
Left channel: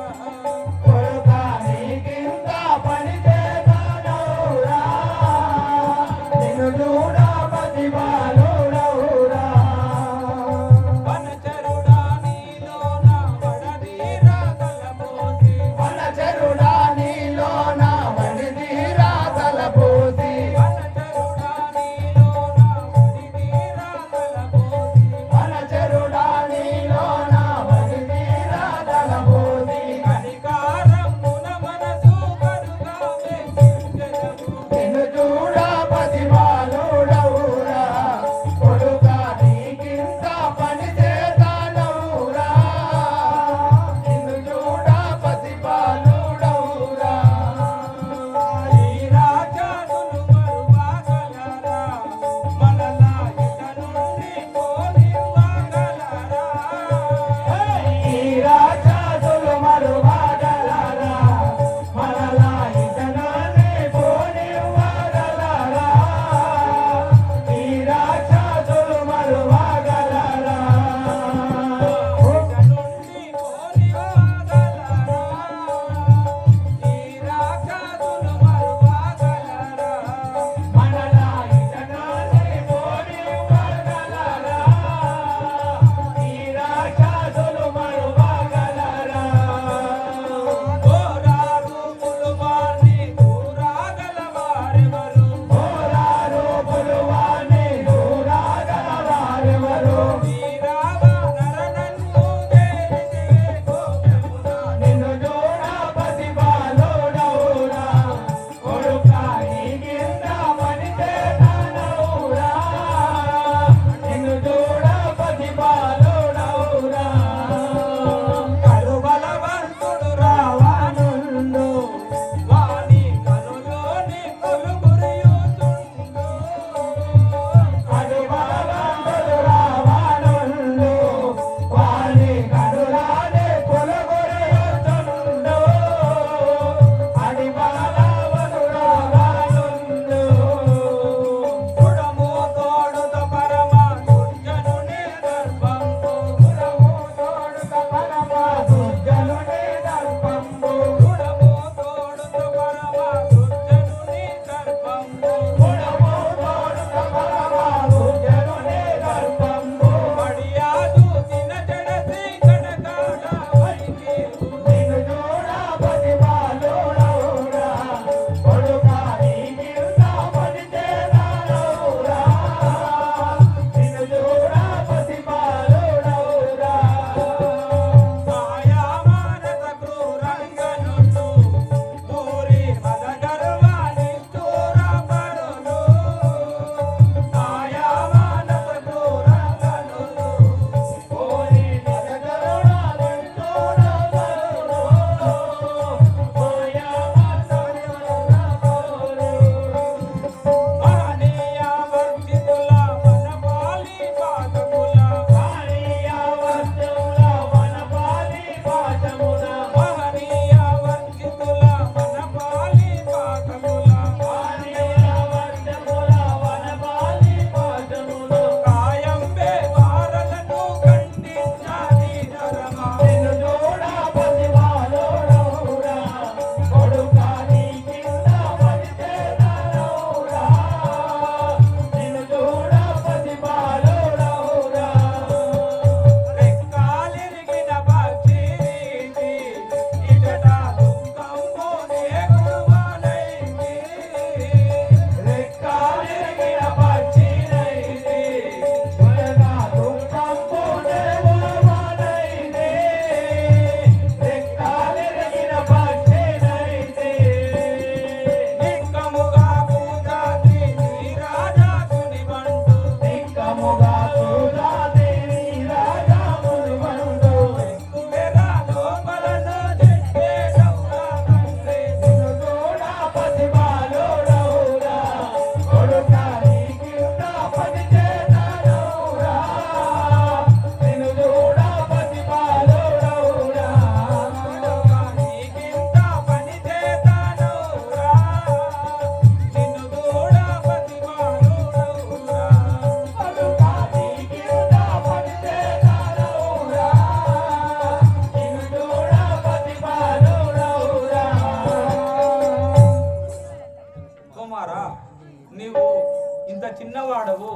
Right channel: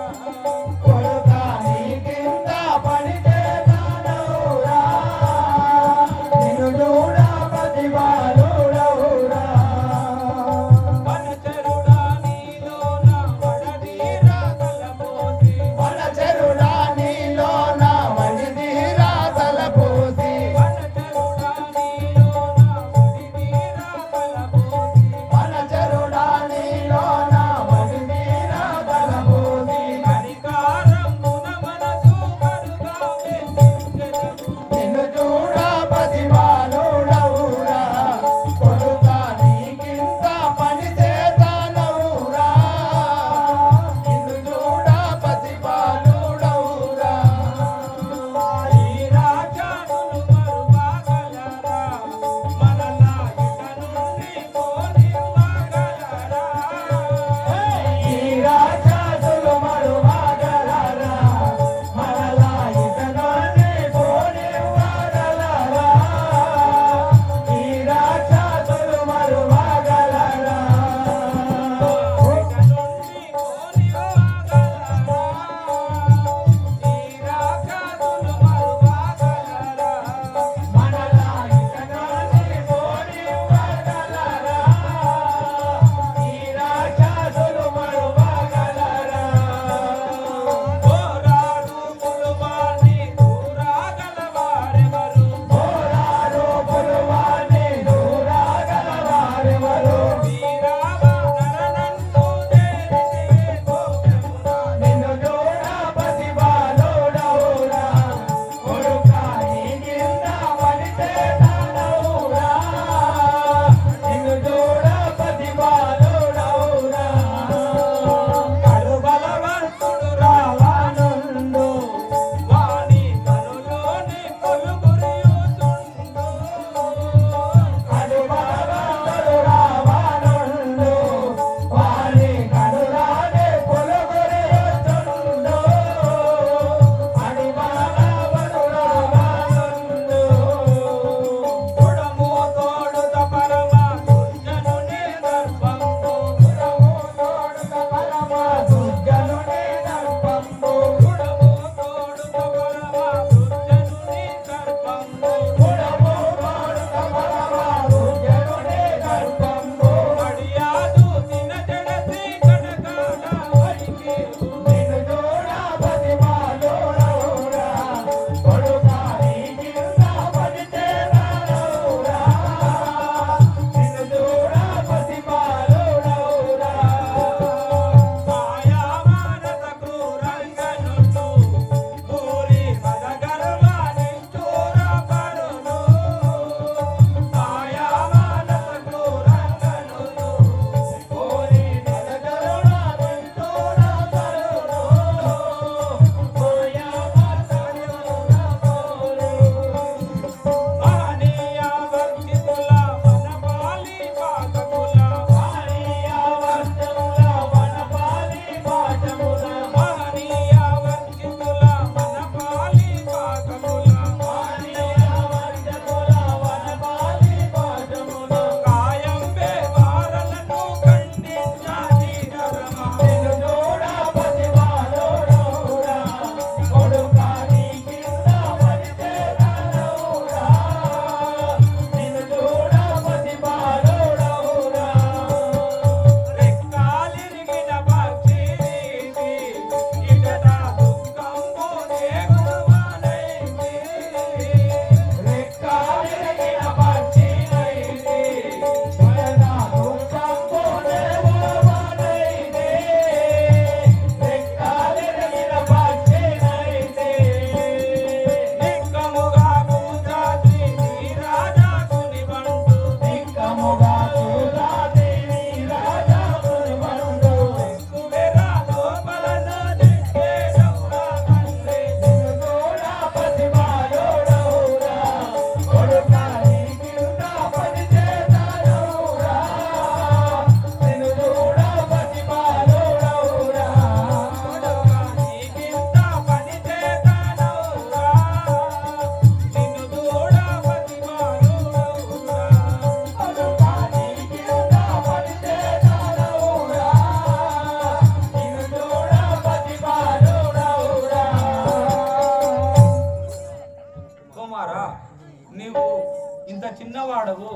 చిన్నవాడవు,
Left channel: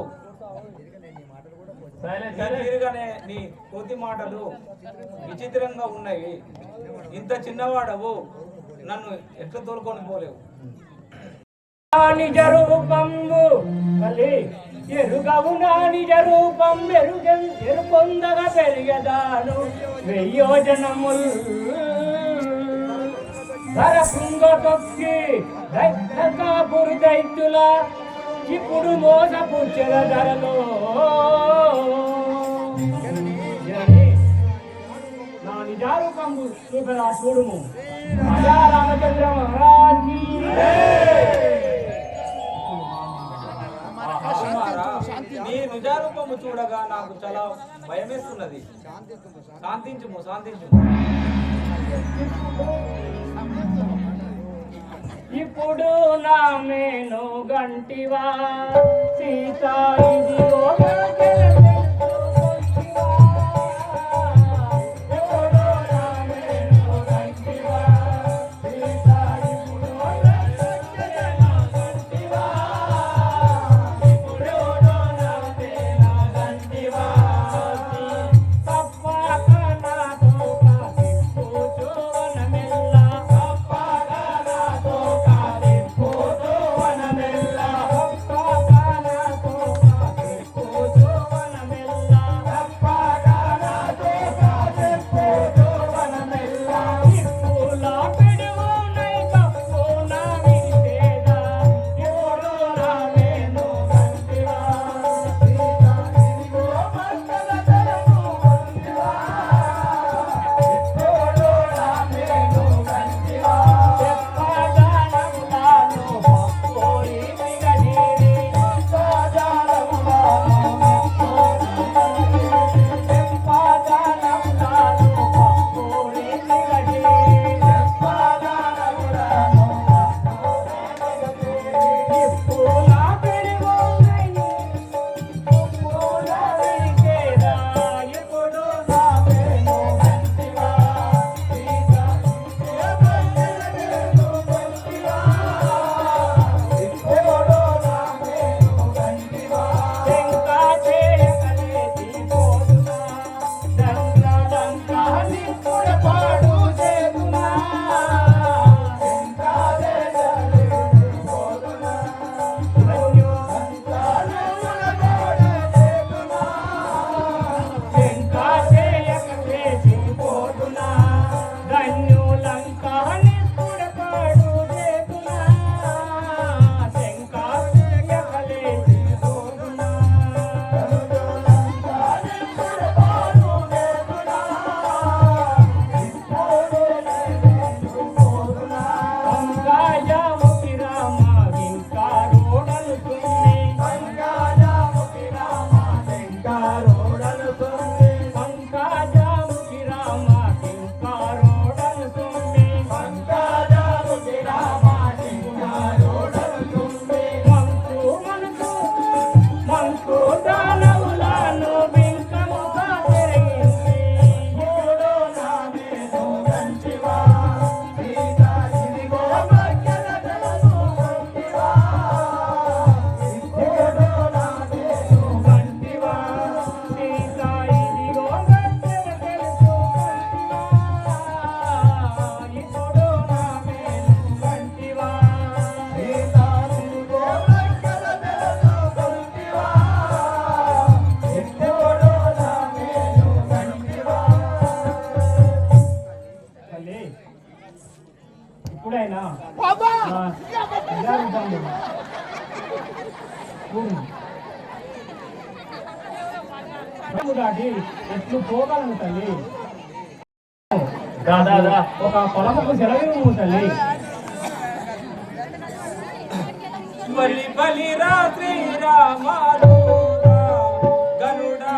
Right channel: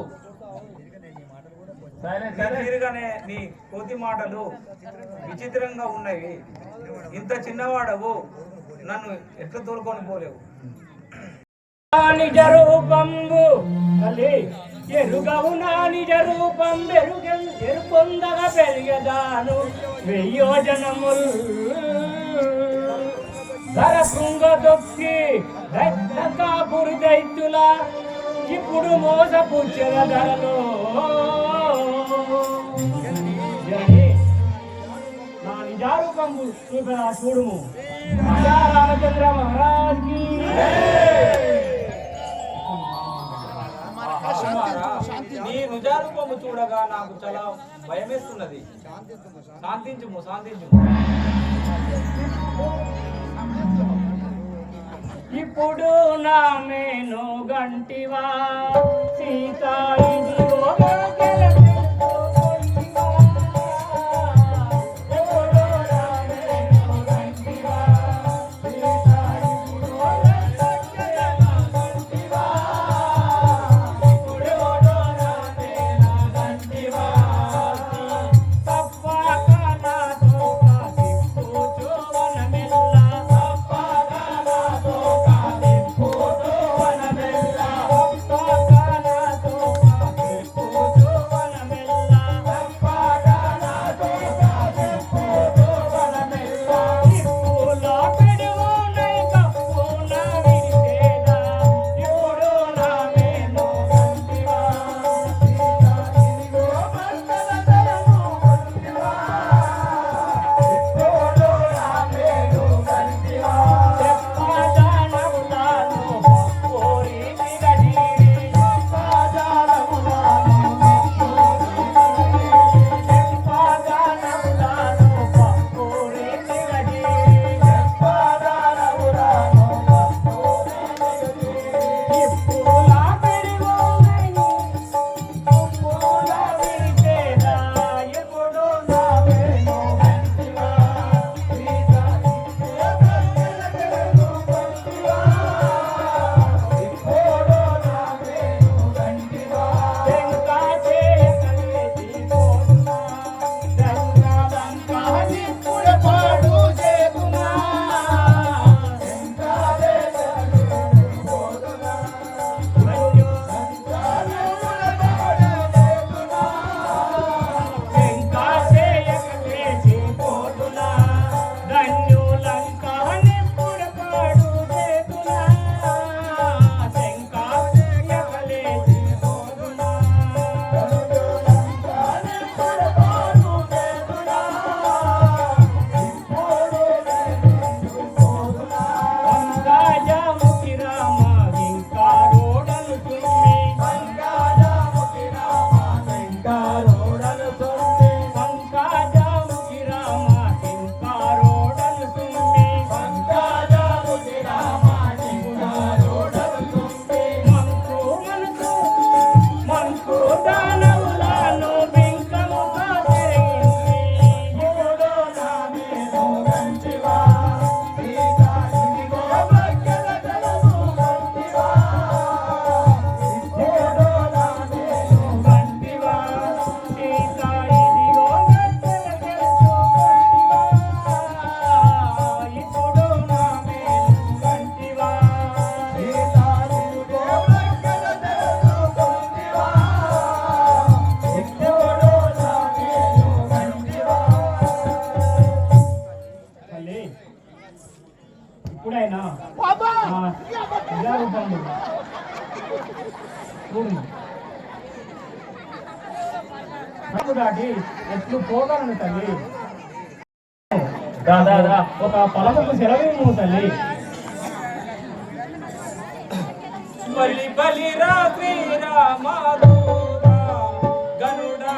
తిరగనే నీ కోతి మాటలు విచిత్రంగా ఉన్నాయి. ఇంత చిన్నవాడవు, నన్ను ఎట్లా తోలుకొని పోలేవు. నిజ రూపంబు తల్లి ఎరుగవు నా నిజ రూపం ఎరుపొందగా పెరిగదాను వెయ్యోజనములు ధర కృంగ తొక్కి కాపురి దైత్యుల ఇప్పుడు మోసపుచ్చల ధరలో నా నిజారూపంబు చూపరా చూడుము. రామచంద్ర మహారాజ్ నీ నిజారూపము చూడగా నాకు చాలా భయమేస్తున్నది. శాంతించుము, శాంతించుము. ఇప్పుడు నా మేను గంటివా సీతా ఇప్పుడైనా దాటి ఎట్లు పోగలను తల్లి. ఒక పొలముకు సెలవు తల్లి. బలి రాత్రి రామా గరుడా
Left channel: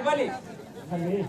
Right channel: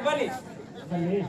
బలి బలి బలి